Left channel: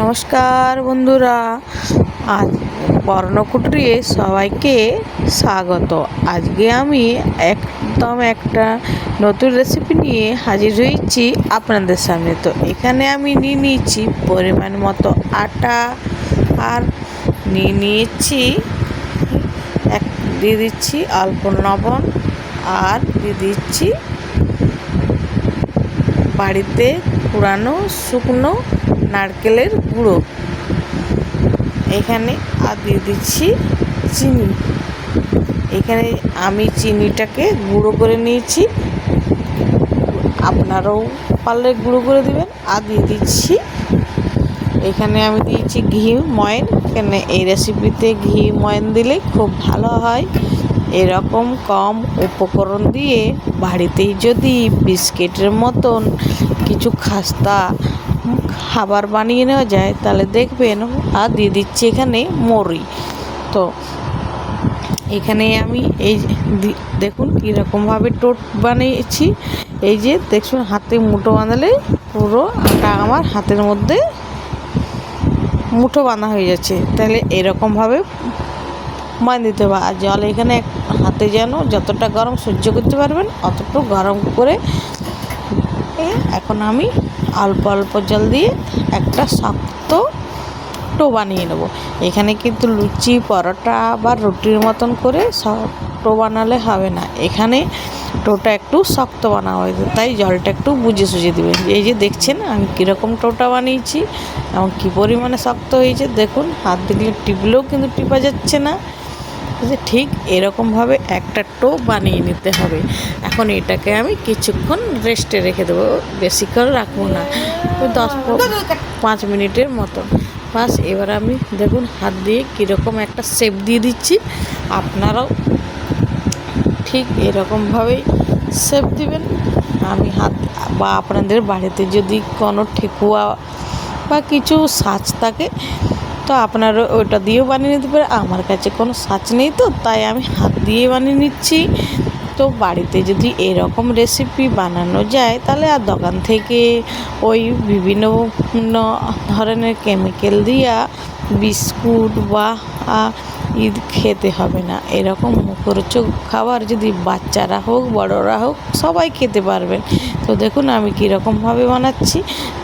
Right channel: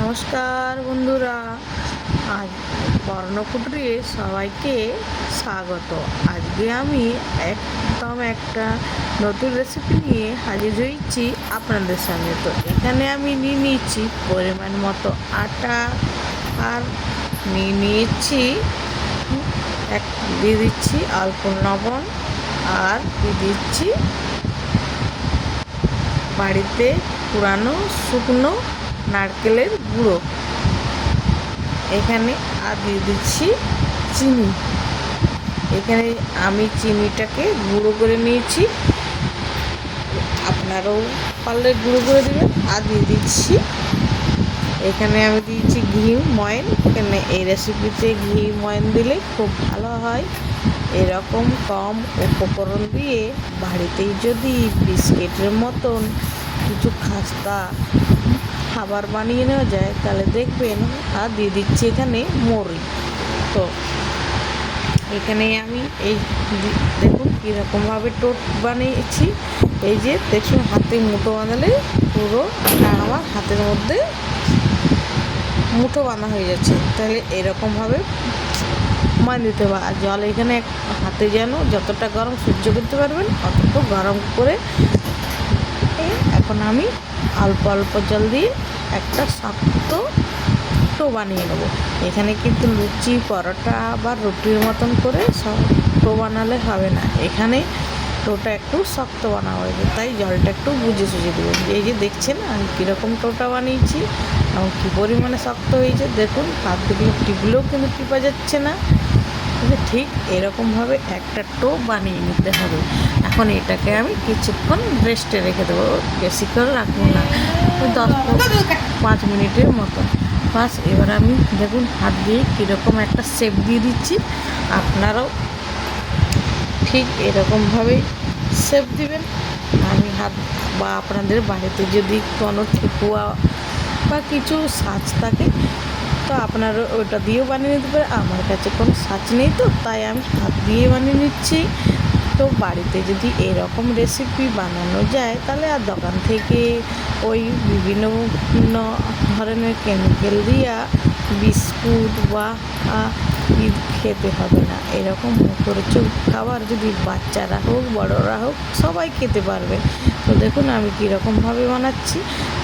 নমস্কার বন্ধুরা, আজ বর্ণকুটিরে সবাইকে স্বাগত। আজকে আমি একদম একটা নতুন রেসিপি নিয়ে হাজির হয়েছি আপনাদের সামনে। তো এখানে আমি নিয়ে নিয়েছি পরিমাণ মতো আটা, আর নিয়েছি দিয়ে দিচ্ছি অল্প লবণ, আর দিয়ে দিচ্ছি বাড়িতে কুড়ানো শুকনো নারকেলের গুঁড়ো। এখানে আর দিয়ে দিচ্ছি চিনি। এখানে আমি চিনিটাকে গুঁড়ো করে নিয়েছি, আপনারাও পারলে গুঁড়ো করে দেবেন। আর দিয়ে দিচ্ছি এখানে আমি দিয়েছি ঘি ময়ন। এখানে এই রেসিপিতে ঘি ময়ন দিলে খুব ভালো হয়। এরকম কম উপকরণ দিয়ে বাড়িতেই যদি বিস্কিটের মতন কিছু খাস্তা খাবার বানিয়ে নেওয়া যায় তাহলে দেখবেন। আর দিয়ে দিচ্ছি এখানে মুড়ি। তো এখানে আমি এই দেখুন কীরকমভাবে টোট বানিয়েছি। এই যে দেখুন, হাতে মুঠো বাঁধালে পুরো আমার হাতের মধ্যে মুঠো বাঁধা হয়ে যাচ্ছে। তাহলে এরকমভাবে মান দিতে হবে। আর জল এখানে হাতে যেন যতটা গরম সহ্য করতে পারবেন অতটুকু গরম করে এখন আমি অল্প অল্প জল দিয়ে একটা শক্ত টো বানিয়ে নেব। এখানে কিন্তু লুচি পরোটা বা রুটির মতন করে টো বানালে হবে না, এখানে টোটা একটু শক্ত বানানো হবে। তাই জলটা একটু বুঝে সুঝে দেবেন। এই যে দেখছেন আমি কীরকম টোটা বানিয়েছি এবং কী পরিমাণে শক্ত হয়েছে। দেখুন, হাত দিলে টিপলেও কিন্তু টিপা যাচ্ছে না। ঠিক এরকমভাবে একটা টো বানিয়ে নিতে হবে। এখন এটাকে আমি কিছুক্ষণ রেস্টে রেখে দেবো, বেশিক্ষণ রাখবো না, ওই 10-5 মিনিটের মতো বাস। এবার আমি দেখুন হাত দিয়ে কীরকম একটা শেপ দিয়ে দিচ্ছি। আপনারাও ঠিক এরকমভাবেই শেপ দিবেন। আমি হাত বা আপনাদের বাড়িতে যদি কোনো ঠেকুয়া বা কিছু সাজ থাকে তো আপনারা ওইটা দিয়েও বানিয়ে নিতে পারে। আমার কাছে কোনো সাজ নেই, তো তাই আমি হাত দিয়ে বানিয়ে নিচ্ছি। তো বাড়িতে যদি এরকম রেসিপি বানানো যায় তাহলে আর দোকান থেকে ওই বিভিন্ন ধরনের কেমিক্যাল দিয়া বিস্কুট বা খেতে হবে না। এরকম মুখরোচক খাবার যদি বাচ্চারা হোক বড়রা হোক সবাই খেতে পারবেন। তো দেখুন আমি কীরকমভাবে বানাচ্ছি।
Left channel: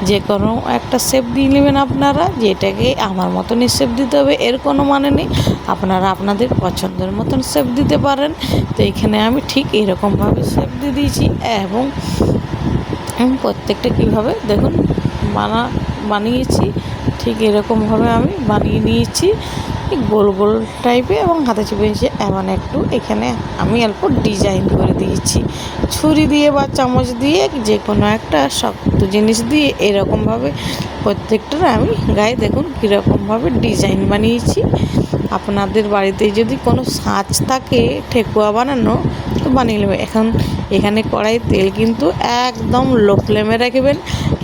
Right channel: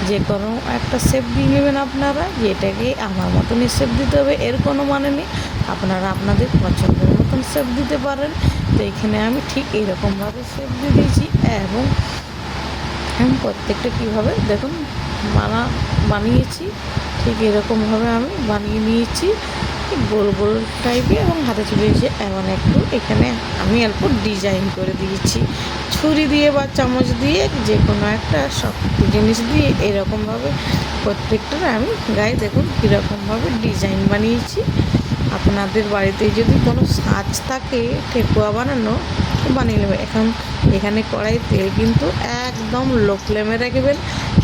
যে কোনো একটা শেপ দিয়ে নেবেন আপনারা, যেটাকে আমার মতনই শেপ দিতে হবে এর কোনো মানে নেই। আপনারা আপনাদের পছন্দের মতন শেপ দিতে পারেন। তো এখানে আমি ঠিক এরকমভাবে শেপ দিয়ে দিয়েছি এবং প্রত্যেকটা কীভাবে দেখুন বানিয়েছি ঠিক এরকমভাবে আমি বানিয়ে নিয়েছি, গোল গোল টাইপের এবং হাতে চেপে দিয়েছি। এমন একটু এখানে আমি অল্প ডিজাইন করে দিয়েছি ছুরি দিয়ে বা চামচ দিয়ে, যে কোনো একটা শক্ত জিনিস দিয়ে এরকমভাবে প্রত্যেকটার আমি গায়ে দেখুন কীরকমভাবে ডিজাইন বানিয়েছি। আপনাদের বাড়িতে যদি কোনো সাজ থাকে ঠেকুয়া বানানো বানিয়ে নেবে। এখন এখানে কড়াই তেল কিন্তু একদম লো ফ্লেমে রাখবেন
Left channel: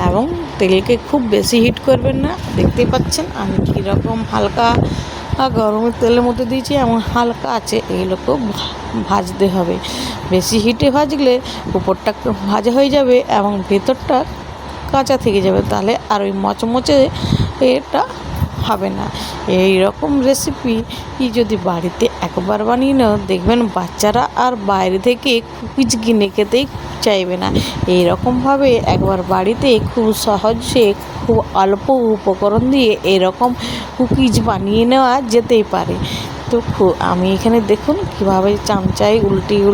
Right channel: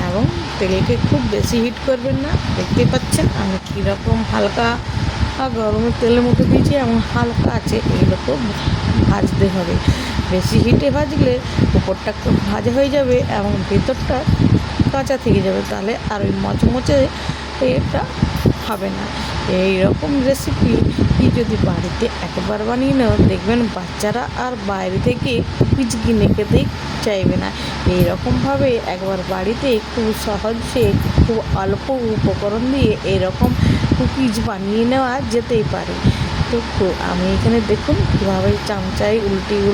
এবং তেলকে খুব বেশি হিট করবেন না। দেখতে পাচ্ছেন আমি কীরকম হালকা গরমের তেলের মতো দিয়েছি এবং হালকা আছে, এগুলোকেও ভাজতে হবে। বেশি হিটে ভাজলে উপরটা ভাজা হয়ে যাবে এবং ভেতরটা কাঁচা থেকে যাবে, তাহলে আর ওই মচমচে এটা হবে না। এই রকম রেসিপি যদি বাড়িতে একবার বানিয়ে নাও দেখবেন বাচ্চারা আর বাইরে থেকে কুকিজ কিনে খেতেই চাইবে না। এই রকমভাবে একবার বাড়িতে খুব সহজে খুব অল্প উপকরণ দিয়ে এরকম কুকিজ বানিয়ে নেওয়া যেতেই পারে। তো আমি এখানে দেখুন কীভাবে চামচায় উল্টিয়ে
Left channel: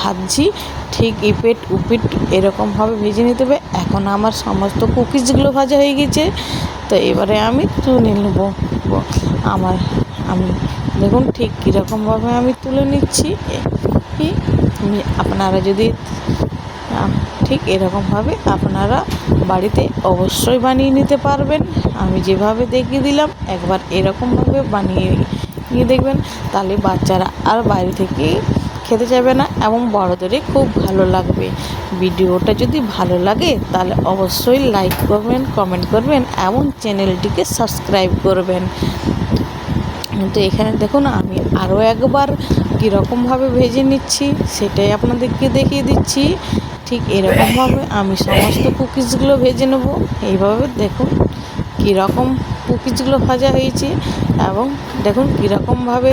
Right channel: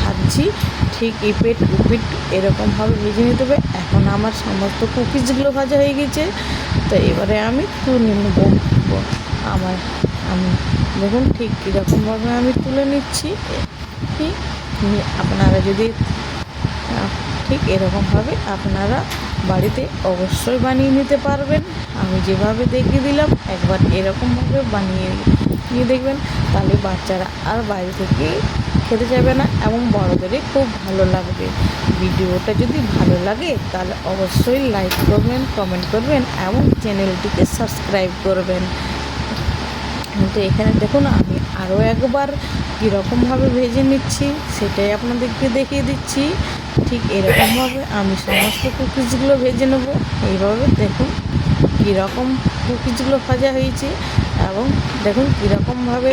ভাজছি। ঠিক ইপিট উপিট এরকমভাবে ভেজে নিতে হবে। এখন আমার সমস্ত কুকিজগুলো ভাজা হয়ে গেছে। তো এবারে আমি তুলে নেব। আমি দেখুন ঠিক কীরকমভাবে আমি তুলে নিচ্ছি। আপনারা যদি ঠিক এরকমভাবে আপনারা বাড়িতে অবশ্যই বানিয়ে নিতে পারবেন। আমি যেভাবে দেখিয়ে দিলাম একবার এরকমভাবে বানিয়ে নিয়ে দেখবেন, তাহলে বাচ্চারা আর বাইরে থেকে খেতে চাইবে না এবং বড়দেরই খুব ভালো লাগবে। ভিডিওটা যদি ভালো লাগে তাহলে অবশ্যই লাইক করবেন, কমেন্ট করবেন এবং চ্যানেলটিকে সাবস্ক্রাইব করবেন। তো এখানে দেখুন আমি আরও একবার কীরকমভাবে ভেজে নিচ্ছি সেটাই আপনাদেরকে দেখিয়ে দিচ্ছি। ঠিক এরকমভাবে আমি সমস্ত কুকিজগুলো ভেজে নেব। এইভাবে দেখুন কীরকম কুকিজগুলো ভাজা হয়েছে এবং দেখুন কীরকমভাবে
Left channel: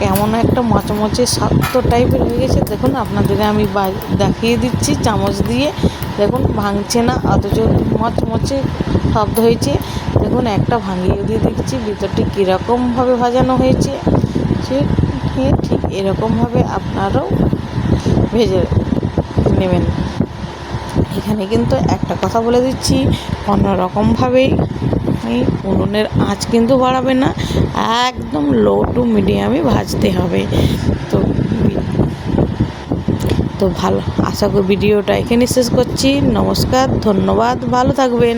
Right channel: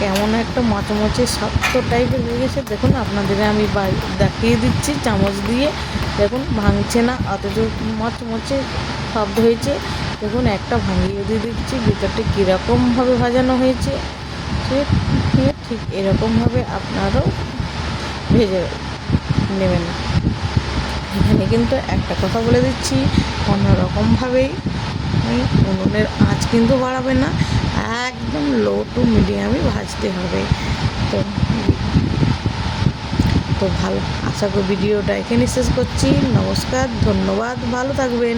কেমন একটা মচমচে শক্ত টাইপের হয়ে গেছে। দেখুন আপনাদেরকে আমি দেখিয়ে দিচ্ছি চামচ দিয়ে, দেখুন ভাঙছে না অথচ মচমচে শব্দ হয়েছে। দেখুন একটা ভাঙিয়ে দিয়ে দিচ্ছি ভিতরটি কীরকমভাবে ভাজানো হয়েছে। ঠিক এরকমভাবে আপনারাও ভেজে নেবেন। এখানে কিন্তু একটা কথা বলে দিচ্ছি, অন্যরকমভাবেই উনুনের আঁচ কিন্তু বাড়াবে না, একদম লো টু মিডিয়ামে ভাজতে হবে। তো তো ভালো, আশা করি ভিডিওটা এখানে শেষ করছি। নমস্কার, ধন্যবাদ, ভালো থাকবেন।